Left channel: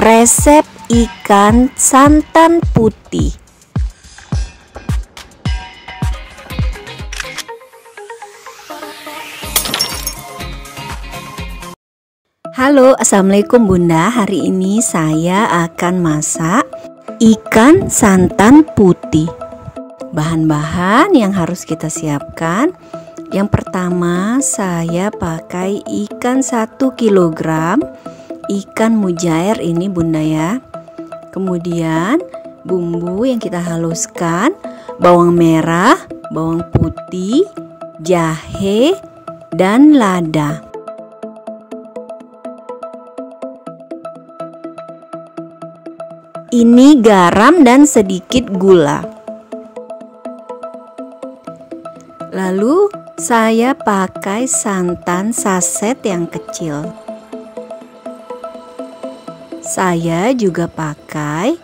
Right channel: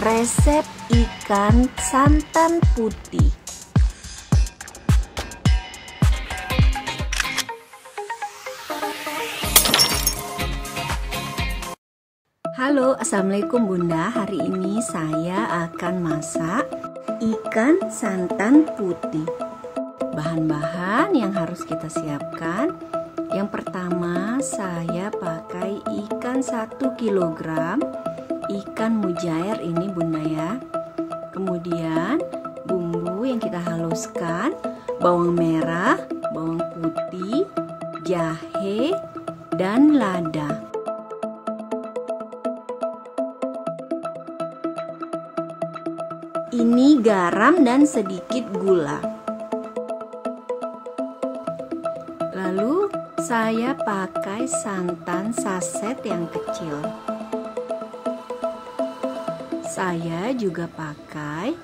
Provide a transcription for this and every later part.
Resep ikan santan putih. Halo, assalamualaikum Bunda. Hari ini saya akan masak ikan santan putih. Bahan-bahan yang harus kita siapkan. Yang pertama, saya pakai ikan 1 kg, ikan mujair ini Bunda ya. Kemudian bumbu yang kita haluskan, bawang merah, bawang putih, jahe, dan lada. Ini garam dan sedikit gula. Lalu saya pakai santan saset yang kecil. Saya juga pakai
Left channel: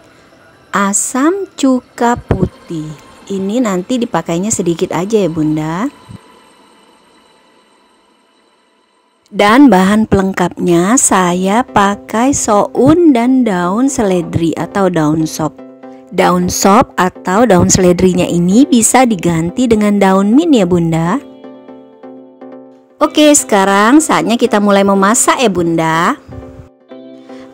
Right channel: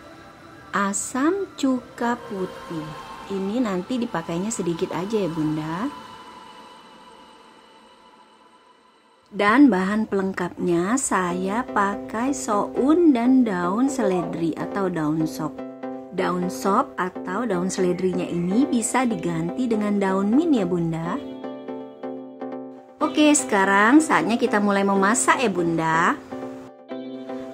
asam cuka putih. Ini nanti dipakainya sedikit aja ya Bunda. Dan bahan pelengkapnya saya pakai soun dan daun seledri atau daun sop. Daun sop atau daun seledrinya ini bisa diganti dengan daun mint ya Bunda. Oke, sekarang saatnya kita mulai memasak ya Bunda.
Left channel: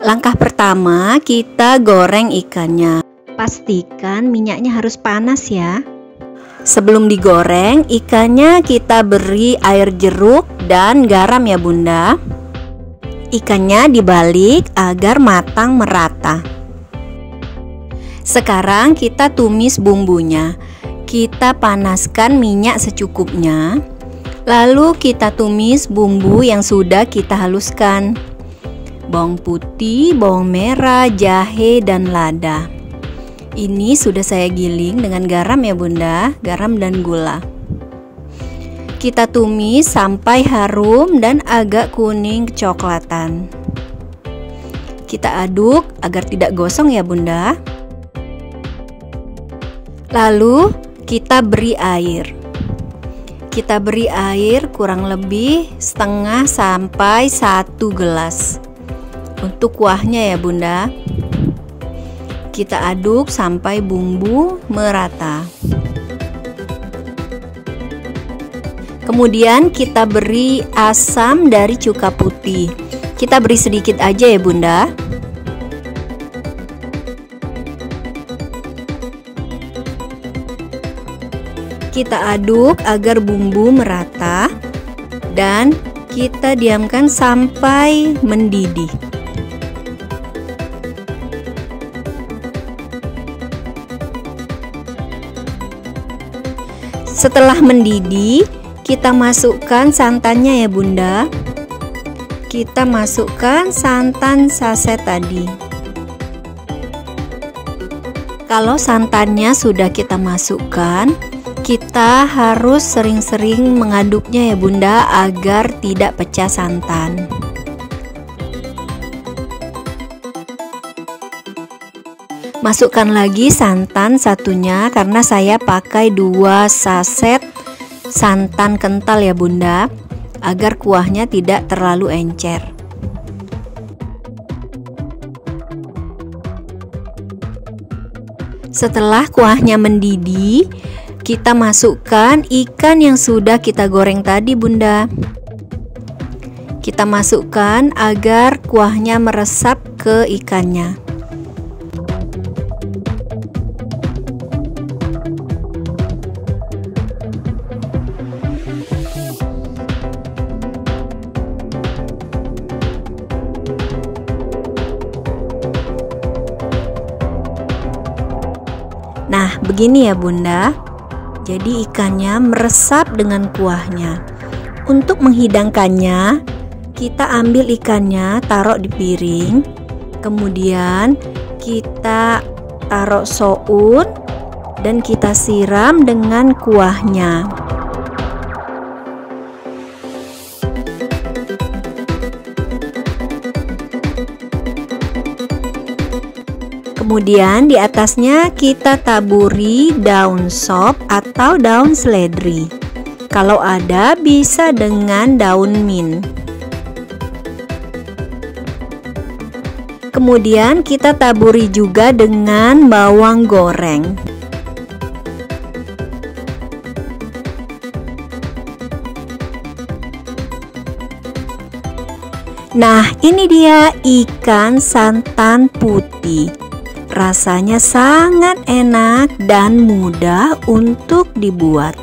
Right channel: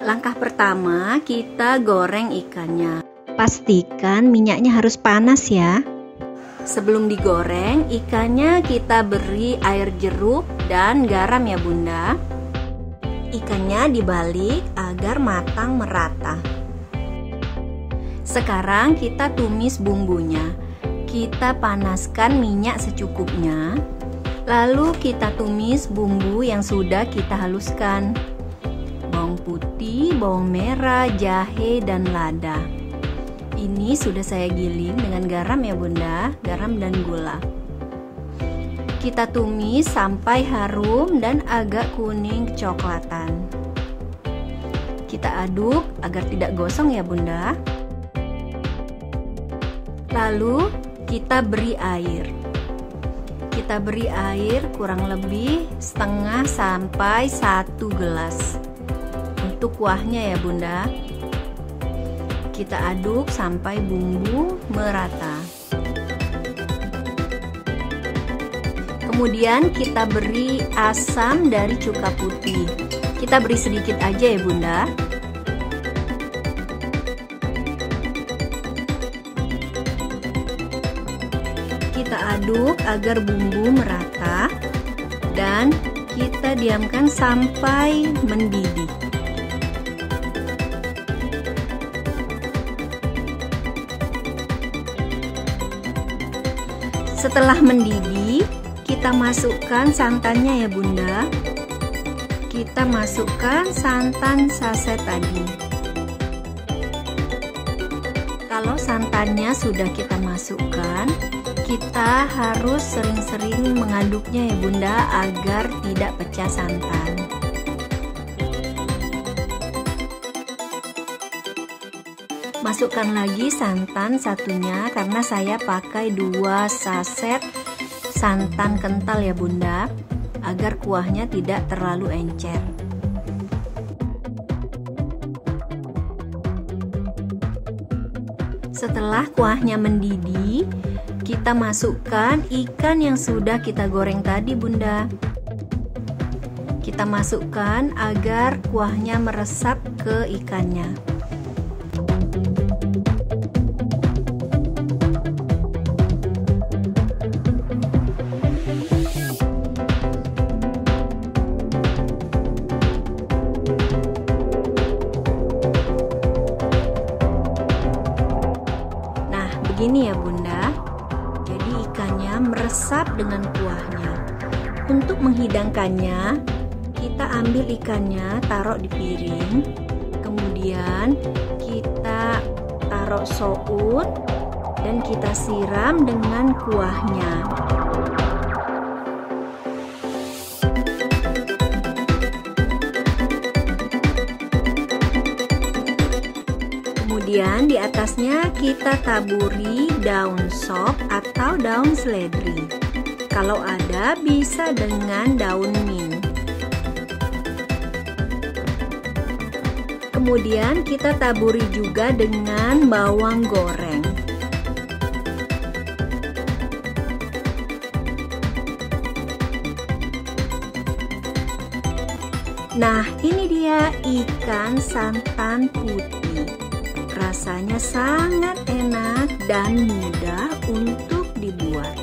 Langkah pertama, kita goreng ikannya. Pastikan minyaknya harus panas ya. Sebelum digoreng, ikannya kita beri air jeruk dan garam ya Bunda. Ikannya dibalik agar matang merata. Sekarang kita tumis bumbunya. Kita panaskan minyak secukupnya. Lalu kita tumis bumbu yang sudah kita haluskan. Bawang putih, bawang merah, jahe, dan lada. Ini sudah saya giling dengan garam ya Bunda, garam dan gula. Kita tumis sampai harum dan agak kuning kecoklatan. Kita aduk agar tidak gosong ya Bunda. Lalu kita beri air. Kita beri air kurang lebih setengah sampai 1 gelas. Untuk kuahnya ya Bunda. Kita aduk sampai bumbu merata. Kemudian kita beri asam dari cuka putih. Kita beri sedikit aja ya Bunda. Kita aduk agar bumbu merata dan kita diamkan sampai mendidih. Setelah mendidih, kita masukkan santannya ya Bunda. Kita masukkan santan saset tadi. Kalau santannya sudah kita masukkan, kita harus sering-sering mengaduknya ya Bunda agar tidak pecah santan. Masukkan lagi santan satunya karena saya pakai 2 saset santan kental ya Bunda, agar kuahnya tidak terlalu encer. Setelah kuahnya mendidih, kita masukkan ikan yang sudah kita goreng tadi Bunda. Kita masukkan agar kuahnya meresap ke ikannya. Nah, begini ya Bunda. Jadi ikannya meresap dengan kuahnya. Untuk menghidangkannya, kita ambil ikannya, taruh di piring. Kemudian kita taruh soun dan kita siram dengan kuahnya. Kemudian di atasnya kita taburi daun sop atau daun seledri. Kalau ada bisa dengan daun mint. Kemudian kita taburi juga dengan bawang goreng. Nah, ini dia ikan santan putih. Rasanya sangat enak dan mudah untuk dibuat.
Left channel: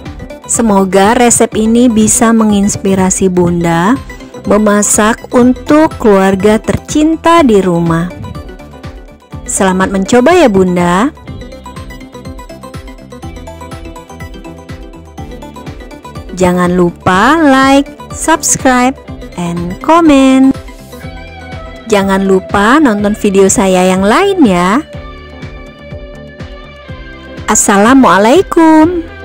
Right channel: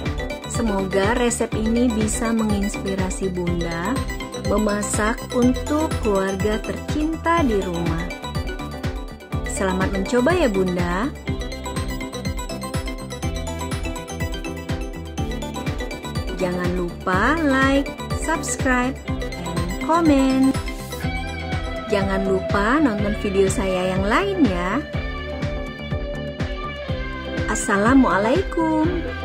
Semoga resep ini bisa menginspirasi Bunda memasak untuk keluarga tercinta di rumah. Selamat mencoba ya Bunda. Jangan lupa like, subscribe, and comment. Jangan lupa nonton video saya yang lain ya. Assalamualaikum.